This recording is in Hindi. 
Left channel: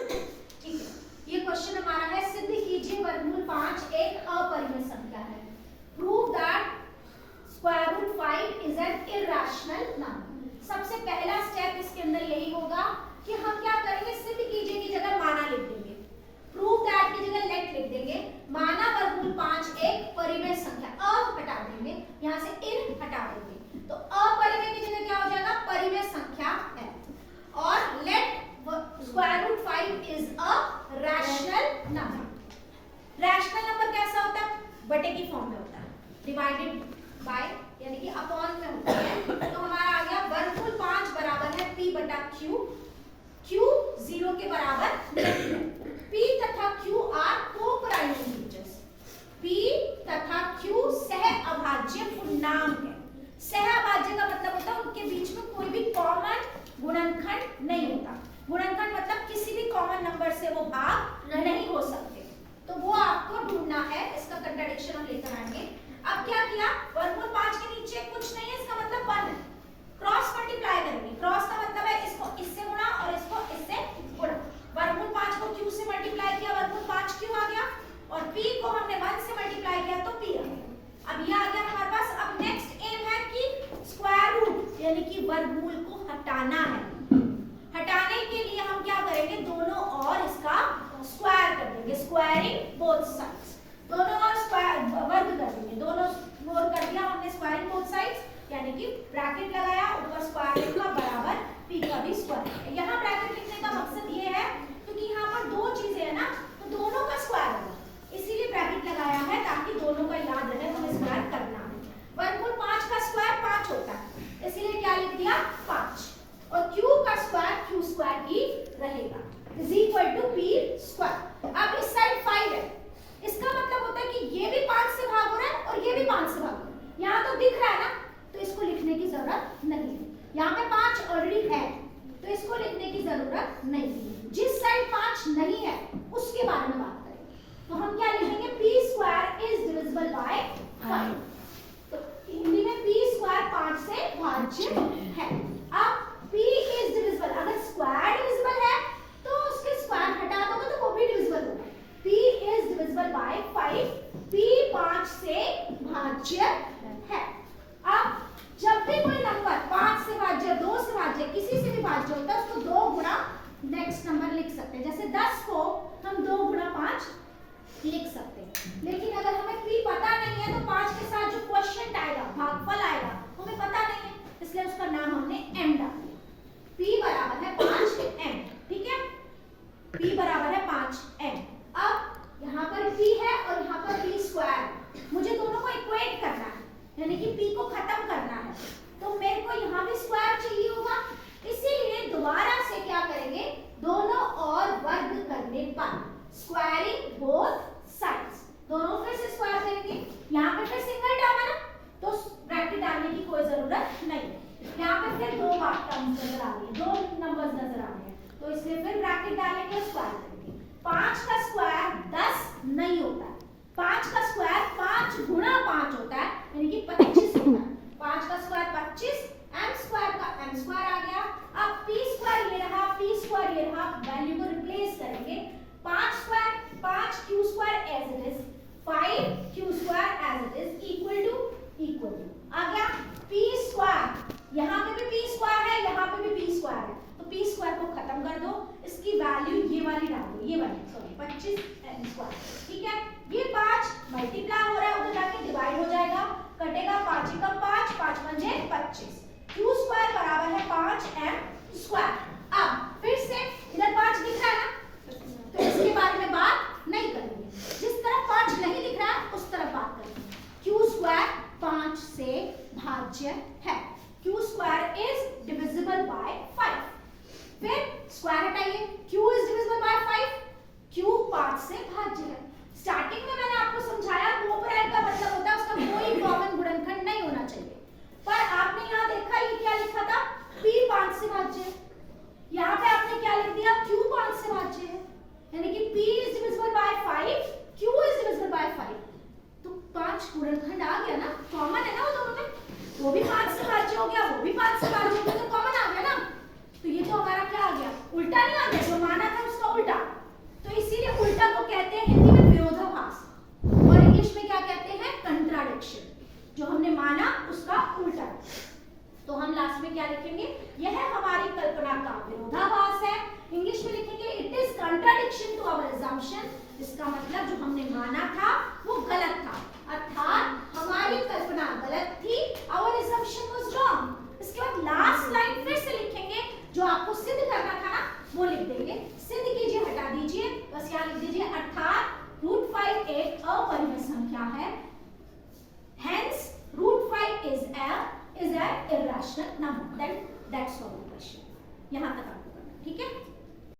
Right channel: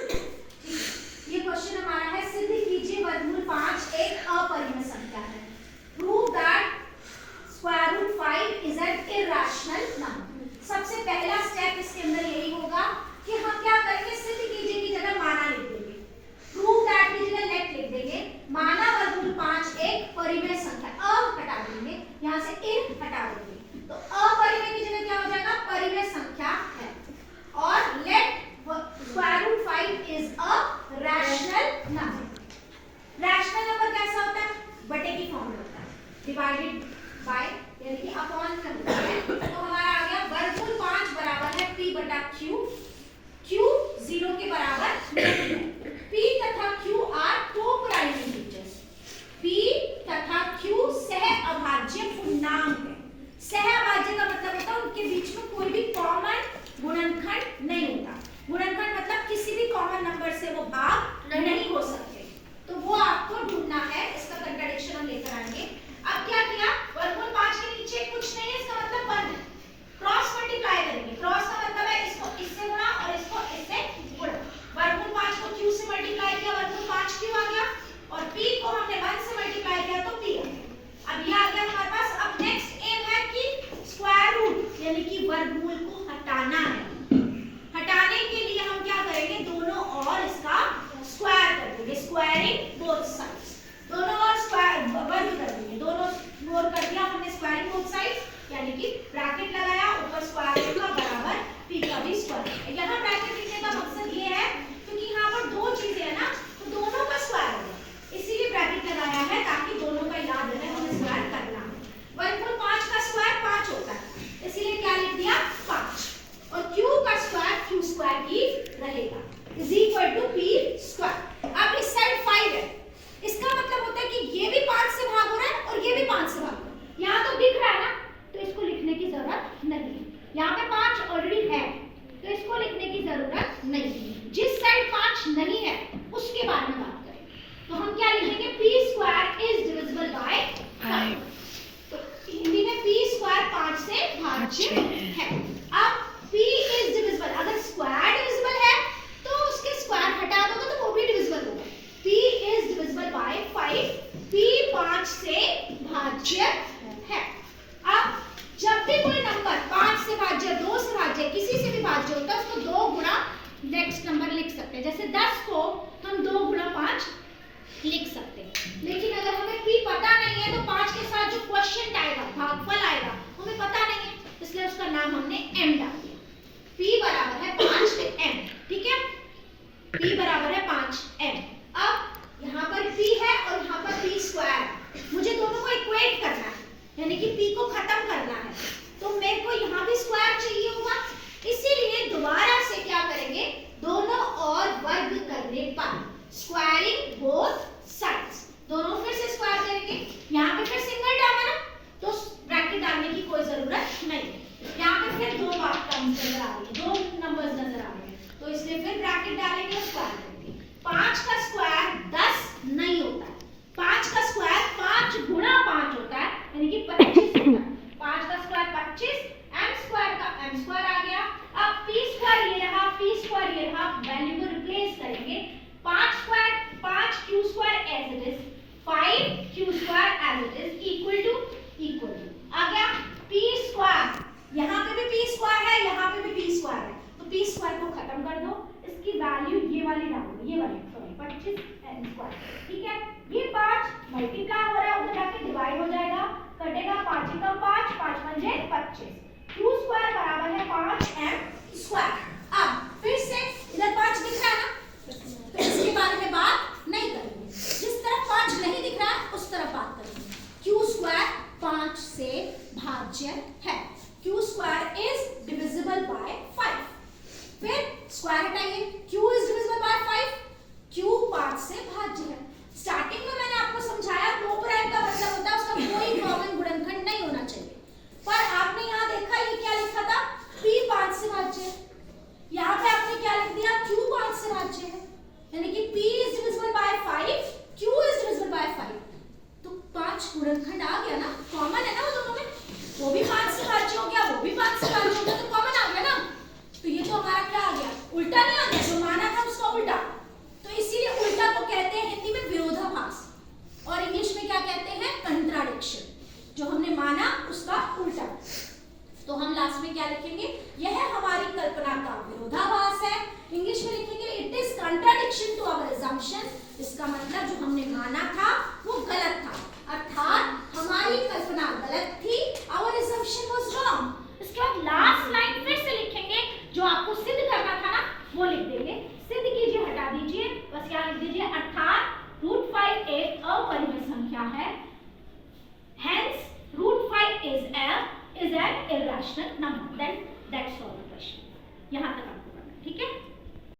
ये क्वेश्चन हमारा है, सिद्ध कीजिए वर्गमूल 5 एक अपरिमेय संख्या है। Prove that square root 5 is an irrational number. सबसे पहला स्टेप इसके अंदर यही होगा कि हम क्या करेंगे, सिद्ध कीजिए की जगह माना लिख देंगे, प्रूव दैट की जगह लेट लिख देंगे, माना वर्गमूल 5 एक परिमेय संख्या, अ हटा देंगे, यहां से इन हटा देंगे, तो अपरिमेय की जगह क्या हो जाएगा, परिमेय संख्या है। और let square root 5 is a rational number. Rational number कैसा होता है, बटे की फॉर्म में होता है, डिवाइडेड बाय यानी कि अपॉन में होता है। तो हमारा आ गया वर्गमूल 5 बराबर है p बटा q, q 0 के बराबर नहीं है। p तथा q are two prime integers, p तथा q सह अभाज्य पूर्णांक है। सह अभाज्य का मतलब होता है उनके बीच में कोई भी कॉमन गुणनखंड नहीं होता। गुणनखंड मतलब किसी भी कॉमन नंबर से वो भाग नहीं हो सकते, तो वो आपको ढूंढना है। इसका कंट्राडिक्शन हम लेकर आएंगे। अब क्या किया, वर्गमूल 5 के नीचे कुछ नहीं है, इसका मतलब 1 है, क्रॉस मल्टीप्लाई करेंगे। क्रॉस का मतलब है इसको इससे गुणा और इसको इससे गुणा। वर्गमूल 5 को q से मल्टीप्लाई किया, वर्गमूल 5 q आ गया, और p को हमने 1 से मल्टीप्लाई किया तो p आ गया। अब ये आ गया हमारे पास। अब नेक्स्ट एम है कि स्क्वायर रूट यानी कि वर्गमूल को हटाना है। हटाने के लिए हम क्या करेंगे, दोनों और इसका स्क्वायर कर देंगे, स्क्वायरिंग बोथ साइड्स, दोनों और स्क्वायर वर्ग कर देंगे, दोनों वर्ग कर दिया हमने स्क्वायरिंग बोथ साइड्स, यानी कि ब्रैकेट लगाया, ऊपर स्क्वायर का बराबर p का भी स्क्वायर। यहाँ ब्रैकेट लिखने का मकसद ये है क्योंकि यहाँ पर दो चीजें है ना, तो दोनों का स्क्वायर है, इसीलिए ब्रैकेट लगाया है ताकि दोनों का याद रहे हमें स्क्वायर करना है। वर्गमूल 5 का स्क्वायर 5 होता है, इसीलिए क्या लिख दिया 5, और q का स्क्वायर q स्क्वायर ही रहेगा, is equal to p square. अब इस साइड 5 है, इसका मतलब होता है कि ये भी 5 से भाग हो रहा है और ये भी 5 से भाग हो रहा है। यहाँ तो दिख रहा है ना, तो इसको लिखने की जरूरत नहीं है। यहाँ पे 5 ऑलरेडी है, तो इसको लिखने की जरूरत नहीं है। जिस साइड 5 नहीं है उसके बारे में बात करें, तो हम क्या लिखेंगे, p square is divisible by 5। तो हिंदी में p स्क्वायर 5 से भाज्य है। अब p इज डिविजिबल, अगर स्क्वायर डिविजिबल है तो उसके स्क्वायर हटा दोगे तो वो भी डिविजिबल होगा। p is divisible by 5, p 5 से भाज्य है। अब जब भी कोई नंबर 5 से भाज्य, 2 से भाज्य, किसी से भी भाज्य होता है उसको 2 गुणा नेक्स्ट नंबर लिख सकते हैं। जैसे 10 को हम 2 गुणा 5 लिख सकते हैं। लेकिन अगर हमें p पता नहीं है तो 5 के साथ जो क्वोशिएंट आएगा, भागफल आएगा, हमें पता नहीं है, इसलिए उसका नाम हमने m डाल दिया। p बराबर है 5m, ठीक है, p बराबर है 5m। अब यहाँ पर p है और यहाँ पर p स्क्वायर, मुझे दोनों को इक्वेट करना है, यानी कि p को खत्म करना है, तो मेरे को यहाँ भी स्क्वायर चाहिए होगा, इसीलिए दोबारा से क्या करेंगे, दोनों और वर्ग करने पर स्क्वायरिंग बोथ साइड्स, दोनों फिर से स्क्वायर करेंगे। यहाँ पे फिर सिंगल टर्म है ना, तो ब्रैकेट डालने की कोई जरूरत नहीं है। यहाँ पे फिर 2 बात टर्म्स नजर आ रही है, 2 नंबर्स नजर आ रहे हैं, तो इसलिए फिर ब्रैकेट डालेंगे और स्क्वायर करेंगे। 5 का स्क्वायर 10 नहीं होता है, 5 का स्क्वायर 5 गुणा 5 होता है, यानी कि 25 होता है। 5 का स्क्वायर 25, m स्क्वायर का m स्क्वायर आ गया। अब p स्क्वायर ये रहा, p स्क्वायर ये रहा, वैल्यू को रिप्लेस करेंगे। 5 square 5 q square as it is, 5 q square as it is equal to आ गया p स्क्वायर, यहाँ पे भी p स्क्वायर है, यहाँ पे भी p स्क्वायर है, तो p स्क्वायर को खत्म कर दो, इसकी वैल्यू ये वाली डाल दो, ये वाली सॉरी 25m स्क्वायर, ठीक है। ये 5 मल्टीप्लाई हो रहा है, उधर जाके डिवाइड हो जाएगा, कटेगा 5 एकम 5, 5 पंजे 25, q स्क्वायर बराबर है 5m स्क्वायर। अब फिर से इधर 5 दिख रहा है ना, तो इसके बारे में बात नहीं करेंगे, जिस तरफ 5 नहीं दिख रहा है उस तरफ बात करेंगे। q स्क्वायर 5 से भाज्य है, q square is divisible by 5, फिर स्क्वायर हटाइए, q is divisible by 5, q 5 से भाज्य है। स्टार्टिंग में मैंने आपको समझाया कोप्राइम का मतलब होता है उसका कोई कॉमन गुणनखंड नहीं होना चाहिए, पर आपने यहाँ देखा ये क्या लिखा था, p 5 से भाज्य, लिखेंगे, यह हमारी कल्पना का विरोधाभास है। इंग्लिश में लिखेंगे it is contradiction to our assumption, इसका मतलब जो हमने माना था वो गलत था, अर्थात हमारी कल्पना गलत थी, आवर assumption was wrong। इसके बाद लास्ट लाइन फिर से लिखेंगे, जो आपको सिद्ध करना था ना वो लिख देंगे, सिद्ध कीजिए, हटा दीजिए, बस यहाँ लिख दीजिए अर्थात √5 एक अपरिमेय संख्या है, hence √5 is an irrational number। Then that's all the question। यहाँ तक